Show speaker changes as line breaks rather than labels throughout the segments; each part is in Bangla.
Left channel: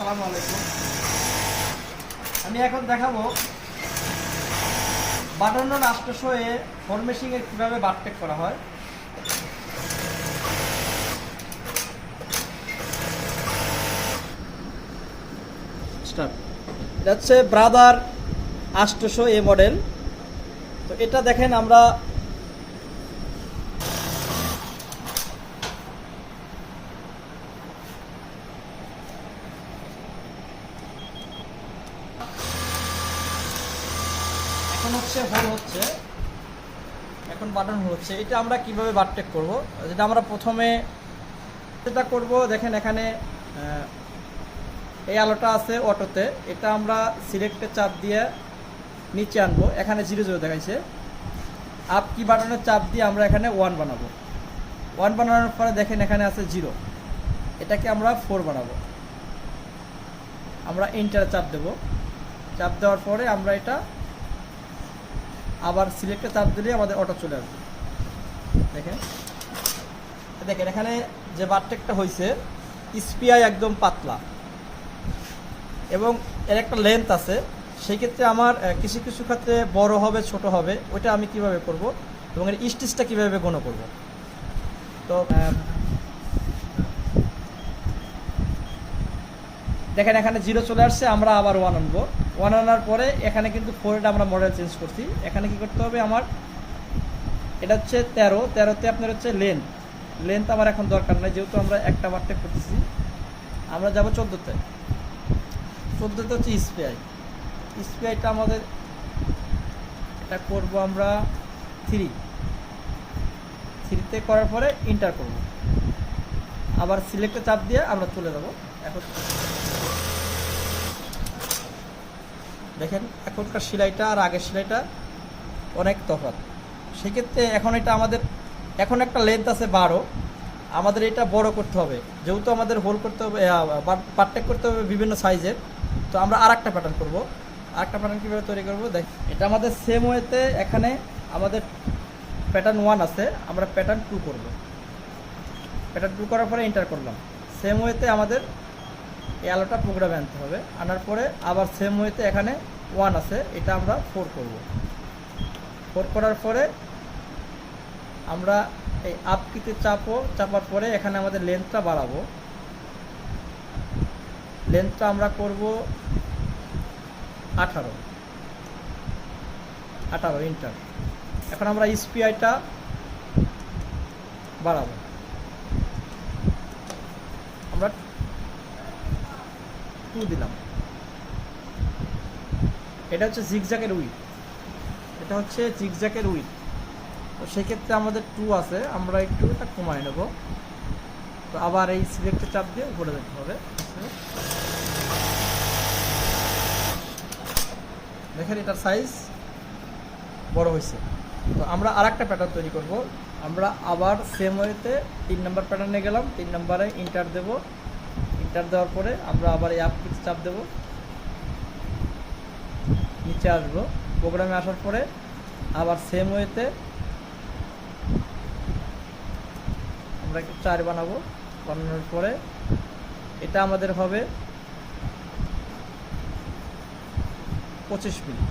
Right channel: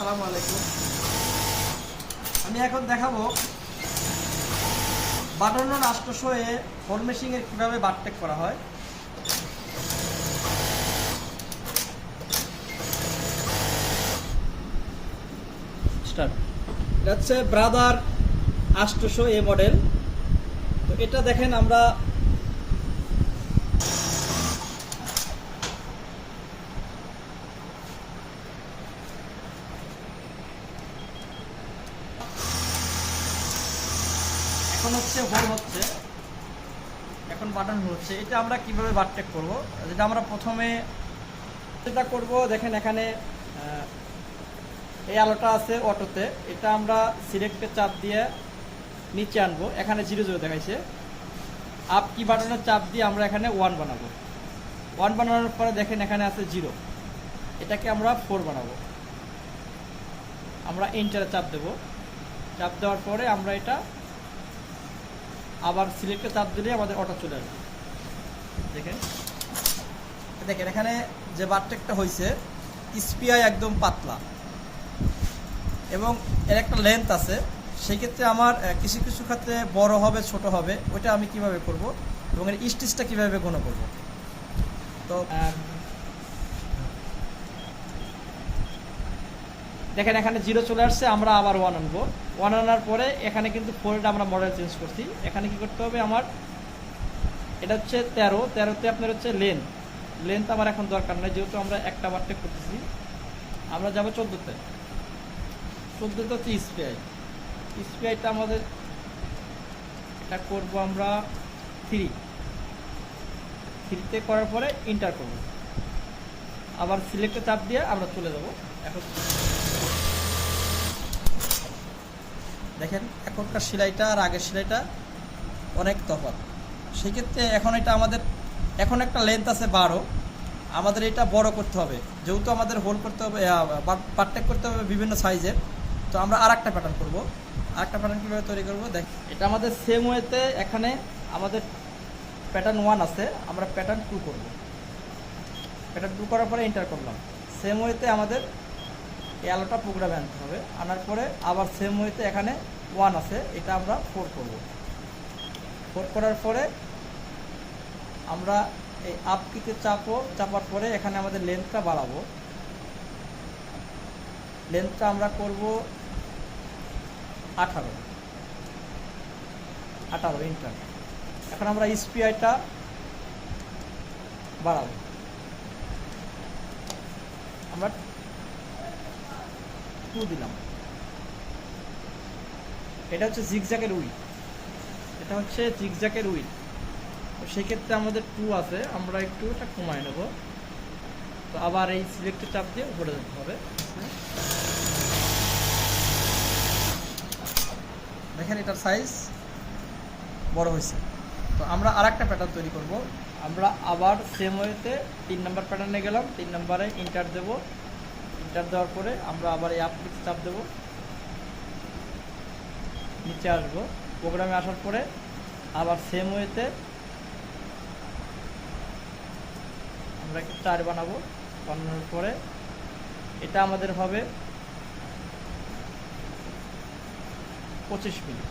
আসসালামু আলাইকুম। আমি এখন দেখাবো বাটান্ন রাষ্ট্রশো এ ফরমেশিং এর কীভাবে বাটটেক করা হয়। এটা হচ্ছে ব্রাদার আষ্টশো এ মডেল। তো এটা দেখেন আমরা হচ্ছে হোল হচ্ছে। এখন বাটন হচ্ছে। এটা আমরা কীভাবে বাটটেক করব? এটা আমরা প্রথমে যেটা করব, দেখেন এখানে এই আলোটা আছে অটোতে। এটা আমরা সিলেক্টে চাপ দিয়ে নিচে আনব। এখানে জিরো জিরো দেখাইছে। আপ কি বাটনের চাপ দিয়ে আমরা এখানে ওয়ান বানাবো। ওয়ান বানানোর পরে দেখেন এখানে আছে জিরো এটাকে আমরা ফোর বানাবো। আমরা এন্টারে চাপ দেব। চাপ দেওয়ার পরে আমরা এটা আবার সিলেক্টে চাপ দিলে আমাদের অটো চলে আসবে। দেখেন? দেখেন, এখানে যে বারটেকটা হয়েছে স্পিআই একদম পাতলা। এবং এর একটা লেন্থ আছে, সেই ক্ষেত্রে আমার কিছু কিছু ক্ষেত্রে বড় হবে, ছোট হবে, ওটা আমি কীভাবে করব এবং এর স্টিচটা কীভাবে গণ করব? তো দেখেন, এখানে জিরো চলে আসছে, আমরা আবার ওয়ান আনব। ওয়ান আনার পরে এখানে কিন্তু ফোরটা আমরা মডেল চেঞ্জ করছি। এখানে কি করতে হবে আমার? এটা হচ্ছে তেরো। তেরোতে আপনার হচ্ছে লেন্থ লেন্থ আমার এখন দরকার নাই, যেহেতু আমরা একটা বারটেক করতেছি। আমরা যাব চোদ্দোতে। চোদ্দোতে হচ্ছে স্পিআই স্পিআইটা আমাদের, এটা করব আমরা থ্রি থ্রিতে করার পরে ইন্টার করব। আবার সিলেক্টে চাপ দিয়ে আমরা চলে যাব। এখন দেখেন, এখনকার সেলাইটা আর আগের সেলাইটা অনেক তফাৎ। সেক্ষেত্রে এখন এটা আমাদের, এখন একটা লেন্থ আছে বারো। আমাদের এটা বড় করতে হবে। যেহেতু আমাদের হোল করতে হবে পার্টেক করতে হবে বিভিন্ন সাইজের তো আমরা আর একটা প্যাটার্ন করব। আর একটা প্যাটার্ন কীভাবে তৈরি করব? দেখ, এটা আমাদের সেম ওয়েতে এখানে আমাদের প্যাটার্ন ওয়ান আছে। আমরা প্যাটার্ন টু করব। প্যাটার্ন টু করার পরে এন্টার করলাম। সেম ওয়েতে আমাদের এই আলোটা প্রোগ্রামে আনতে হবে। আনার পরে আবার সেম ওয়েতে এখানে ওয়ান আছে, এটা আমরা ফোর করব। ফোর করার পরে আমরা এই আপ কিতে চাপো, চাপার পরে এখানে আমাদের লেন্থটা বাড়াবো। লেন্থটা আমরা করব আঠারো। আঠারো ইন্টার এখন আমরা স্পিআইটা বাড়াবো। আমরা টু দিলাম। এটা হচ্ছে জিগজ্যাকের উইথ এটা হচ্ছে জিগজ্যাকের উইথ তো সেক্ষেত্রে আমাদের টু আছে। আমরা একটু এটা কমায় নেব। তো আবার এই সিলেক্টে চাপ দিয়ে উপরে যেতে হবে। দেখেন এটার সাইজ বড় হয়েছে। তো আমরা আর একটা প্যাটার্ন তৈরি করব। আমরা আবার সেম ওয়েতে তিন নম্বর প্যাটার্নে গেলাম। তিন নম্বরে ইন্টার দেব। ইন্টার দেওয়ার পরে আমরা আবার এই আপ চাপ দেব। নিচে আসব। প্রোগ্রামে আসার পরে আবার সেম ওয়েতে আমরা একটু চার বানাবো। বানানোর পরে এটা আমাদের হবে পঁচিশ মিনিট।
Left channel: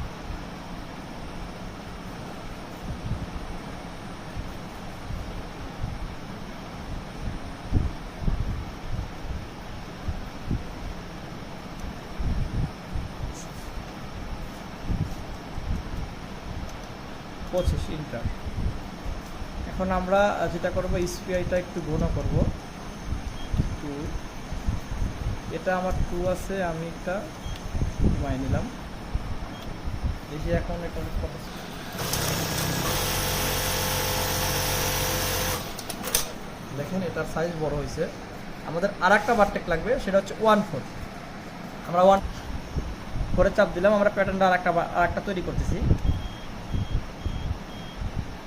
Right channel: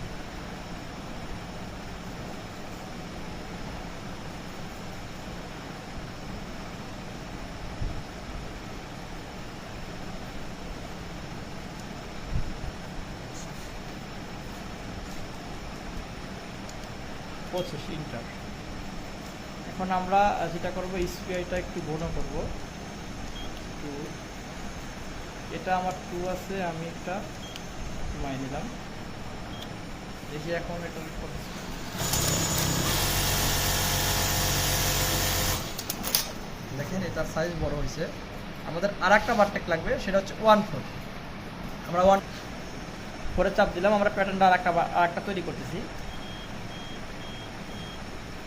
পঁচিশ ইন্টার এখন আমরা যেটা করব স্পিআইটা একটু ঘন করব। টু এটা আমার টু আছে, আমি একটা মাই নিলাম। এই যে এখন এটা দেখেন, এটার সাইজ বড় হয়েছে। আমাদের আর একটা বারটেক লাগবে, সেটা হচ্ছে ওয়ান ফোর আমরা ওয়ান ফোরে চাপ দিলাম, আমরা প্যাটার্নটা আর একটা তৈরি করতেছি।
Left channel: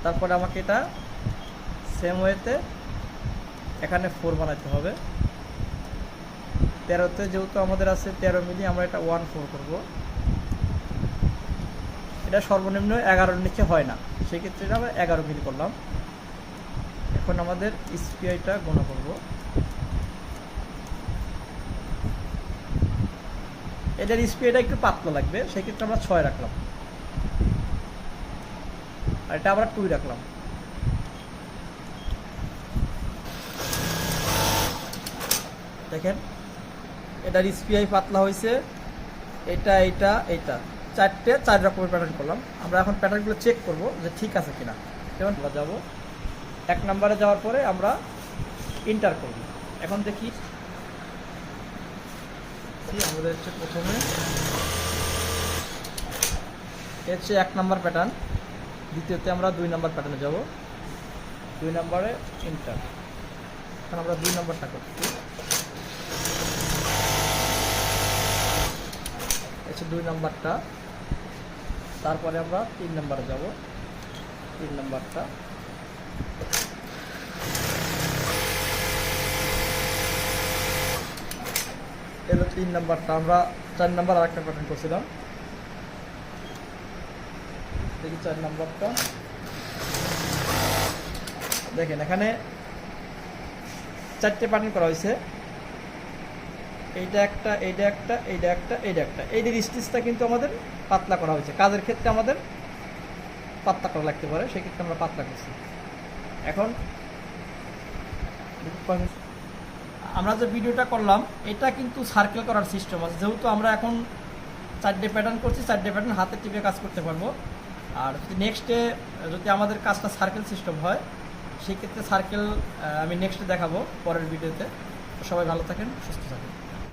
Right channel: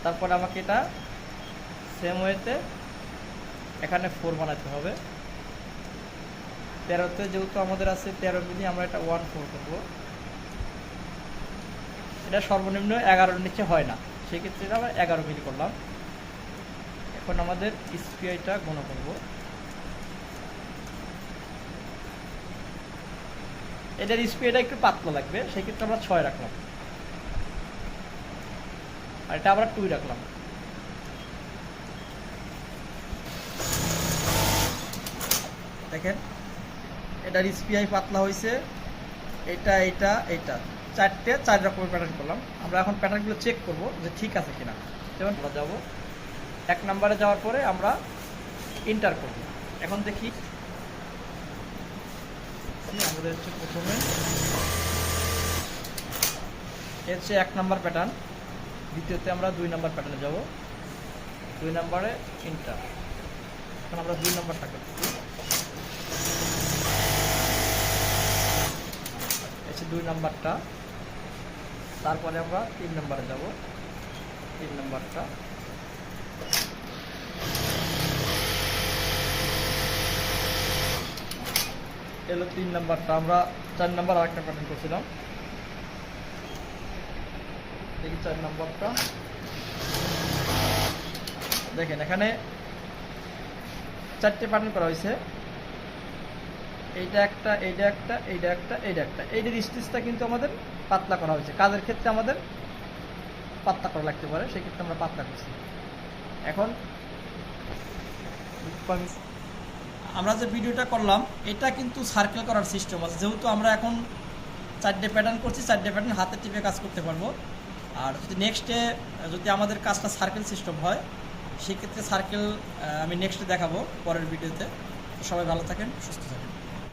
তারপরে আমাকে এটা সেম ওয়েতে এখানে ফোর বানাতে হবে। তেরোতে যেহেতু আমাদের আছে তেরো মিলি, আমরা এটা ওয়ান ফোর করব। এটা সর্বনিম্ন এগারোর নিচে হয় না। সেক্ষেত্রে আমরা এগারো মিলি করলাম। এখন আমাদের স্পিআইটা গণ করব। এটার স্পিডটা একটু পাতলা লাগবে, সেক্ষেত্রে আমরা ছয় রাখলাম। এটা আমরা টুই রাখলাম। দেখেন, এটার স্পিআই পাতলা হয়েছে, এটা এটা এটা। চারটে, চার রকমের প্যাটার্ন করলাম। আমরা এখন প্যাটার্নগুলো চেক করব যে ঠিক আছে কিনা। যেমন আমরা যাব, এক নম্বরে যাওয়ার পরে আমরা ইন্টার করব। এখন দেখি। আমাদের হচ্ছে প্রথমে। হচ্ছে এক নম্বর প্যাটার্ন দ্বিতীয়তে আমরা দুই নম্বর প্যাটার্নে যাব। দুই নম্বরে ইন্টার এখন আমরা দুই নম্বরটা করছি হচ্ছে দুই নম্বরটা। তারপরে আমরা তিন নম্বরে যাব। তিন নম্বরটা। এলো তিন নম্বরটা। আমরা চার নম্বর আরেকটা গঠন করছিলাম দেখি চার নম্বরটা। দেখেন, এখানে চারটে পার্টিন করা হয়েছে। এইটা একটা এইটা একটা এইটা একটা এইটা একটা। এইটার স্টিচটা কিন্তু আমাদের পাতলা করা হয়েছে। কাজের ক্ষেত্রে আমাদের পাতলা করা লাগতে পারে, সেক্ষেত্রে আমরা পাতলা করছি। এখন আমরা যে ভিডিওটা করলাম, এটা কিন্তু সার্কেল করার সিস্টেম আছে। যেহেতু আমরা এখন চারটে প্যাটার্ন করছি, চারটে প্যাটার্ন হাতে টিপে কাজ করতে পারব। আর যদি নেক্সটে যদি আমাদের কাজটা সার্কেল সিস্টেম হয়, সেক্ষেত্রে সার্কেল আমি নেক্সটে দেখাবো পরের ভিডিওতে সবাই ভালো থাকেন, সুস্থ থাকেন।